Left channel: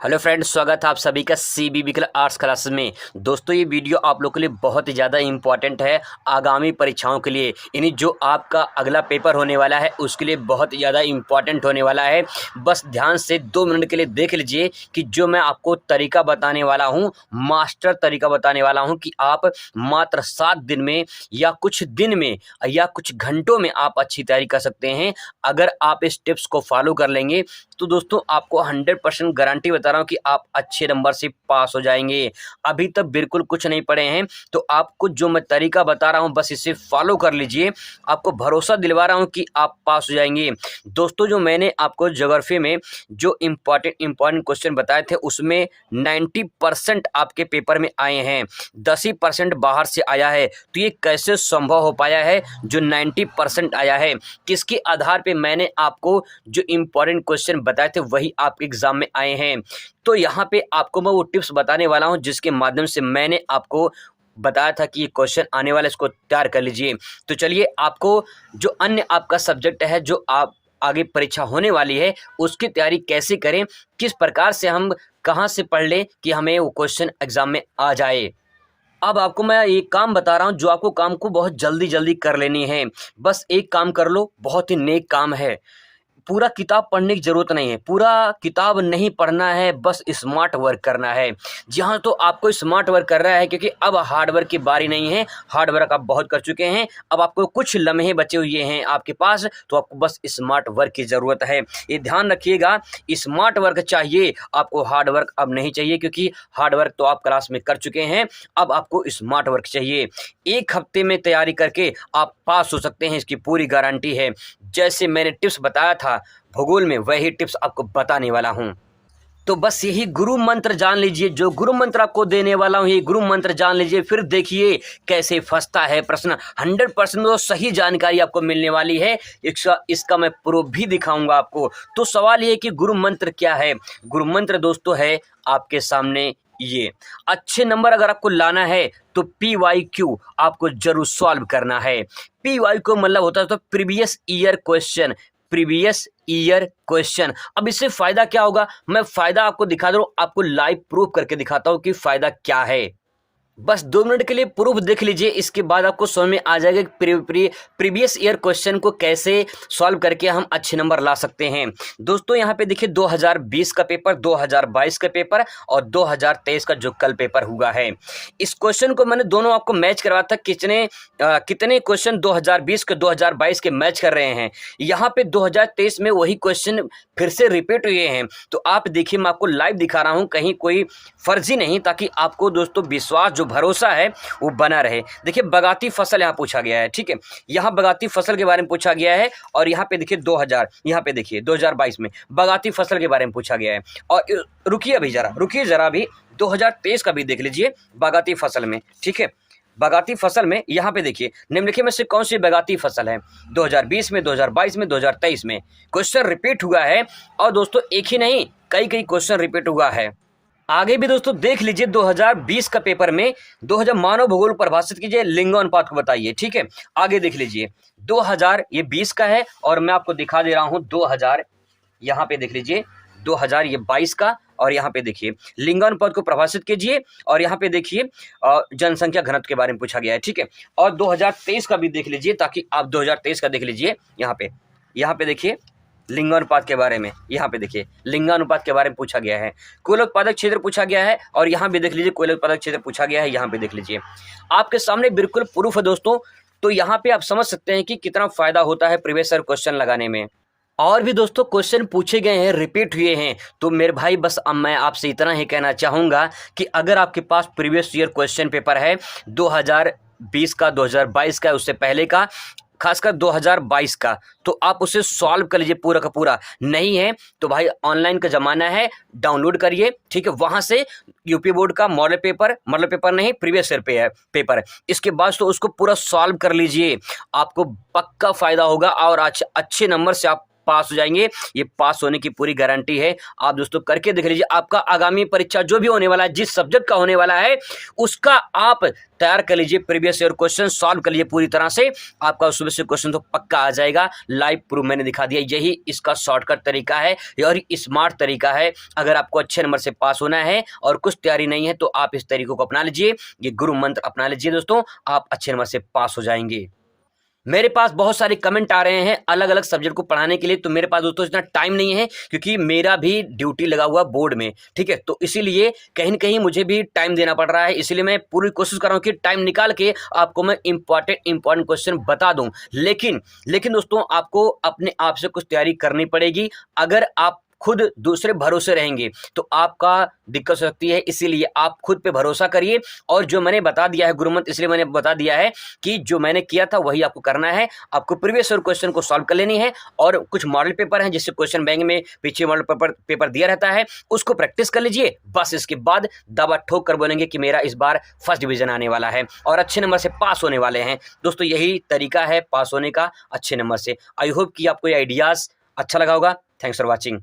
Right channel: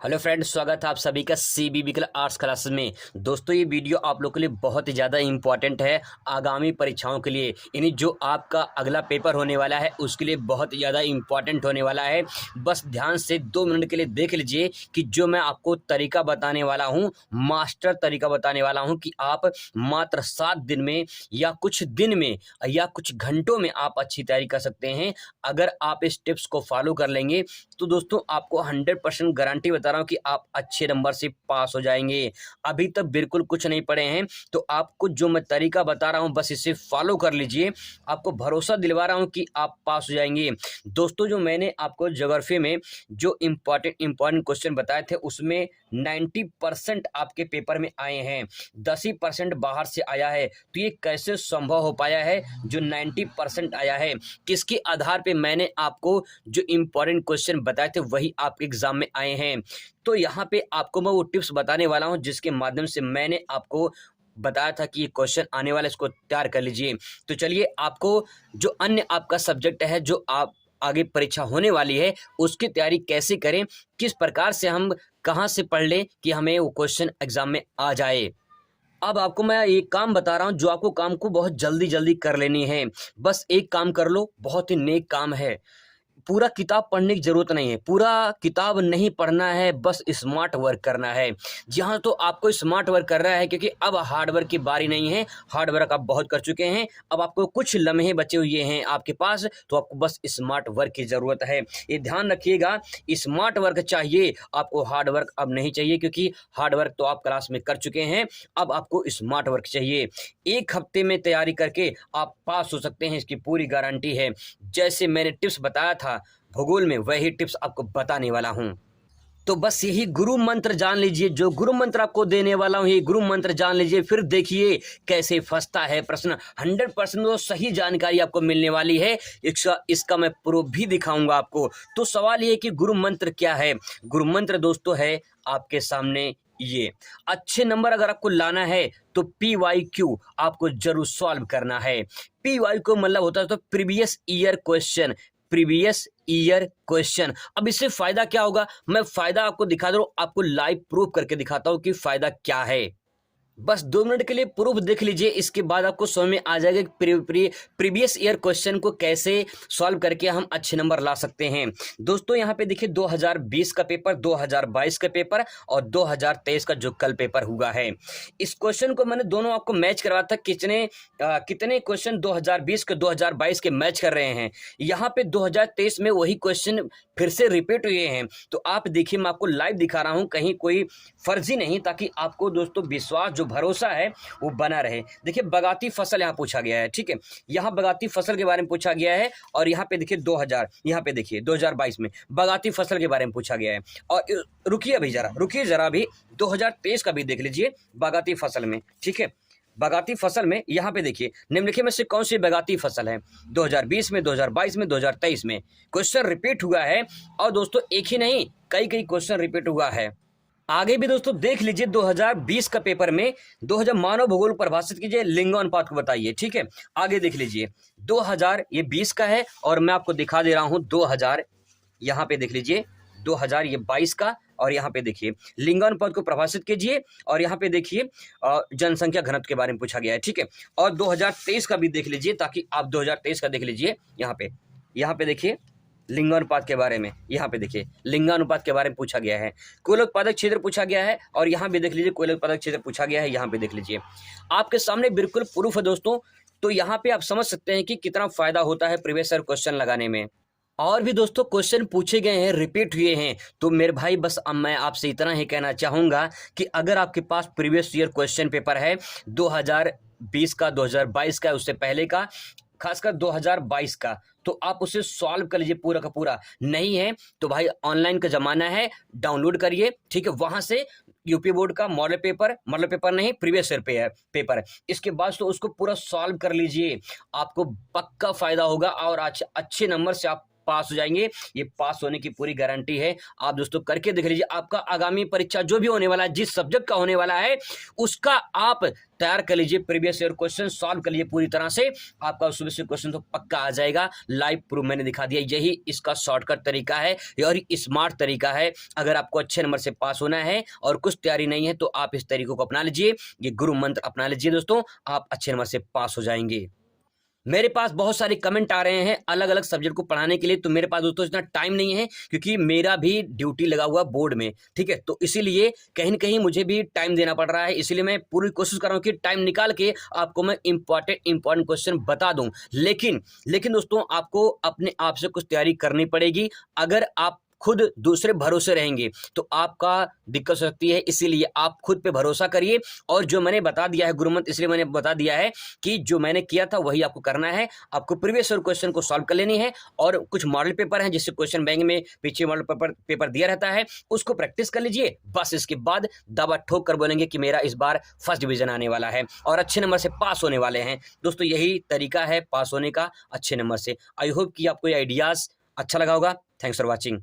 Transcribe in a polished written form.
Hello friends, स्वागत है आप सभी का सीबीबी आर्ट्स क्लास में। दोस्तों, ये वीडियो आप लोगों के लिए बहुत ही ज़्यादा इंपॉर्टेंट है आगामी परीक्षाओं के लिए। यानी जो आपका अगला पेपर होने वाला है उसके लिए बहुत ही ज़्यादा इंपॉर्टेंट होने वाला है। बस ध्यान से 2 मिनट के लिए देख लीजिए कि जो मैं आपको तरीका बताने वाला हूँ, मास्टर तरीका बताने वाला हूँ कि आप मात्र 7 दिन में या कुछ दिन में या कुछ घंटों में आप अच्छी तैयारी कर सकते हैं। अगर आप इस टिप्स को फॉलो कर लेंगे तो दोस्तों आपको 100% गारंटी बता रहा हूँ कि आप अच्छे नंबर से पास हो जाएंगे। अभी तक बिल्कुल कुछ नहीं पढ़े हैं तो आपको जो मैं तरीका बता रहा हूँ बस इसे फॉलो कर लीजिए। आपको भरोसा दिलवा रहा हूँ कि आप पास हो जाएंगे। दोस्तों, जो मैंने आपको ज्योग्राफी में जो इम्पॉर्टेंट क्वेश्चन बताए थे उसमें 90% आपके पेपर में आए हैं, 10% बाहर से आया है। तो ये कैसे संभव हो पाया है? जो 90% आया है किसके आधार पे मैंने आपको जो इम्पॉर्टेंट क्वेश्चन बताए थे वही आपके एग्जाम में आए हैं। तो यहाँ पे आपको मैं वो टिप्स बताने वाला हूँ जिसके माध्यम से मैंने आपको बताया था कि ये क्वेश्चन आने वाला है, इसको तैयार कर लीजिए। तो चलिए, आपको जो अन्य आपका सब्जेक्ट है जो आप आगे परीक्षा होने वाली है उसकी तैयारी कैसे करें, किस प्रकार से हम कहाँ से पढ़ लें कि हमें वो क्वेश्चन एग्जाम में आ जाए। अब आपको मैं एक काम बता रहा हूँ जो आपको काम को बहुत जल्दी जल्दी कर लेनी है। बस एक काम कर लो, बहुत ही नेक काम है। पूरा किताब पढ़ने की ज़रूरत नहीं है, पूरा किताब नहीं पढ़ना है, बस स्मार्ट वर्क करना है। जी हाँ, तो आपको स्मार्ट वर्क कर रहा है क्योंकि अब हार्ड वर्क की बारी नहीं है। हार्ड वर्क आप बहुत कर चुके हैं, अब आपको कुछ लम्हे बचे हुए हैं आपके पास, तो आपको बस स्मार्ट वर्क की ज़रूरत है। ये ध्यान रखिएगा, स्मार्ट वर्क चाहिए आपको, हार्ड वर्क अब नहीं चाहिए क्योंकि हार्ड वर्क तो आप क्लास में कर चुके हैं। अब आपको स्मार्ट वर्क चाहिए। 1 हफ्ते में तैयारी करके आप पास हो सकते हैं, इसकी पूरी गारंटी है। जैसे मैंने टिप्स बताया था भूगोल में, वही टिप्स आपको बताने वाला हूं। तो बस यही गुरु मंत्र जान लीजिए, जो गुरु मंत्र आपको देने वाला हूं, ये गुरु मंत्र जान लीजिए, फिर देखिए कैसे फंसता है प्रश्न। 100% तो सही जानकारी आपको मिलने वाली है। इसका मैं प्रूफ भी दिखाऊंगा आपको। तो सवाल ये है कि गुरु मंत्र क्या है। गुरु मंत्र दोस्तों है आपके सामने ये। अच्छे नंबर अगर आपको लाना है तो PYQ आपको जरूर सॉल्व करना है। PYQ को मतलब होता है तो previous year question, previous year question. अब इससे फायदा क्या होगा, मैं फायदा आपको दिखा दे रहा हूं, आपको लाइव प्रूफ करके दिखाता हूं कि फायदा क्या है। बस 2 मिनट के लिए प्रूफ देख लीजिए, इसके बाद आपको समझ में आ जाएगा कि प्रीवियस ईयर क्वेश्चन को कैसे सॉल्व करके हम अच्छे नंबर ला सकते हैं। दोस्तों, यहाँ पे देखिए 2020 का पेपर, 2022 का पेपर और 2023 का जो कल पेपर हुआ है। इस क्वेश्चन को मैंने दोनों आपको मैच करवाया था। कितने क्वेश्चन 2020 के 2022 के मैच कर रहे हैं। यहाँ पे 2023 में वही क्वेश्चन फिर से रिपीट हुए हैं। तो आप देखिए, मैं आपको लाइव दिखा रहा हूँ, कहीं कोई फर्जी नहीं, ताकि आपको दोस्तों विश्वास, जो भरोसा है वो बना रहे। देखिए, बगाती फसल यहाँ पूछा गया है, ठीक है। यहाँ बगाती फसल के बारे में पूछा गया है और यहाँ पे देखिए 2000, यहाँ पे देखिए 2022 में बगाती फसल के बारे में पूछा गया है। और रुकिए जरा भी 2023 का भी देख लीजिए बगाती फसल में, ठीक है। बगाती फसल में यहाँ पे देखिए निम्नलिखित में से कौन सी बगाती फसल है। 2020 में, 2022 में, 2023 में क्वेश्चन रिपीट हुआ है। और दोस्तों एक ही नहीं, कई क्वेश्चन रिपीट हुआ है। आगे भी दोस्तों देख लीजिए 2020 का पेपर में 2000 मानव भूगोल परिभाषित कीजिए, लिंगानुपात को बताइए, ठीक है। आगे देख लीजिए 2000, ये 20 का है और मैं आपको दिखा दे रहा हूं 2000, यहाँ पे देख लीजिए 2000 ये 22 का। और यहाँ पे देखिए लिंगानुपात को परिभाषित कीजिए और यहाँ पे देखिए जनसंख्या घनत्व के बारे में पूछा गया है, ठीक है। और 2023 का भी देख लीजिए, ताकि आप 2023 का देख लीजिए। यहाँ पे देखिए लिंगानुपात के बारे में, यहाँ पे देखिए लिंगानुपात के बारे में पूछा गया है। कोयला उत्पादक क्षेत्र पूछा गया है और यहाँ भी देख लीजिए कोयला उत्पादक क्षेत्र पूछा गया है। यहाँ पे देख लीजिए, आपके सामने बिल्कुल प्रूफ है दोस्तों। तो यहाँ पे आप समझ सकते हैं कि कितना फायदा होता है प्रीवियस ईयर क्वेश्चन लगाने में। और भी दोस्तों क्वेश्चन पूछे गए हैं, रिपीट हुए हैं। तो मेरे भाई बस अब मैं आपसे इतना ही कहना चाहूँगा कि अगर आपके पास प्रीवियस ईयर क्वेश्चन पेपर है 2020 का, 2022 का, उससे पहले का, खासकर 2022 का, तो आप उसे सॉल्व कर लीजिए पूरा का पूरा। नहीं है तो भाई ऑनलाइन का ज़माना है, डाउनलोड करिए, ठीक है। वहाँ से यूपी बोर्ड का मॉडल पेपर नहीं, प्रीवियस ईयर पेपर, इसके बाद तो उसको पूरा सॉल्व कर लीजिए। आपको पक्का फ़ायदा होगा और अच्छे नंबर से आप पास हो जाएंगे। ये पास होने की पूरी गारंटी है। आप दोस्तों करके देख लीजिए, आपका आगामी परीक्षा जो भी होने वाला है, जिस सब्जेक्ट का होने वाला है, उसका आप तैयार कर लीजिए, प्रीवियस ईयर क्वेश्चन सॉल्व कर लीजिए पूरी तरह से, आपका उसमें से क्वेश्चन तो पक्का आ जाएगा। लाइव प्रूफ मैंने दिखा दिया, यही इसका शॉर्टकट तरीका है और स्मार्ट तरीका है। अगर आपको अच्छे नंबर से पास होना है और कुछ तैयारी नहीं है तो आप इस तरीकों को अपना लीजिए, ये गुरु मंत्र अपना लीजिए दोस्तों, आप अच्छे नंबर से पास हो जाएंगे। मेरे पास बहुत सारे कमेंट आ रहे हैं अलग अलग सब्जेक्ट को पढ़ाने के लिए, तो मेरे पास दोस्तों इतना टाइम नहीं है, क्योंकि मेरा भी ड्यूटी लगा हुआ बोर्ड में, ठीक है, तो इसीलिए कहीं न कहीं मुझे भी टाइम देना पड़ रहा है। इसलिए मैं पूरी कोशिश कर रहा हूँ कि टाइम निकाल के आपको मैं इंपॉर्टेंट क्वेश्चन बता दूं। लेकिन दोस्तों आपको अपने आप से कुछ तैयारी करनी पड़ेगी। अगर आप खुद दूसरे भरोसे रहेंगे तो आपका दिक्कत हो सकती है, इसीलिए आप खुद पे भरोसा करिए। और जो मैंने बता दिया है गुरुमंत्र, इसलिए मैंने बता दिया है कि जो मैंने किया था वही आपको करना है। आपको प्रीवियस ईयर क्वेश्चन को सॉल्व कर लेनी है, और कुछ मॉडल पेपर हैं जिससे क्वेश्चन बैंक में पीछे मॉडल पेपर दिया रहता है, उसको प्रैक्टिस कर लीजिए। बस इसके बाद दवा ठोक कर बोलेंगे कि मेरा इस बार फर्स्ट डिवीजन आने वाला है और अच्छे नंबर से पास होने वाले हैं। दोस्तों यही तरीका है पास होने का अच्छे नंबर से। आई होप कि आपको ये आइडियाज अच्छा लगा होगा। Thanks for watching.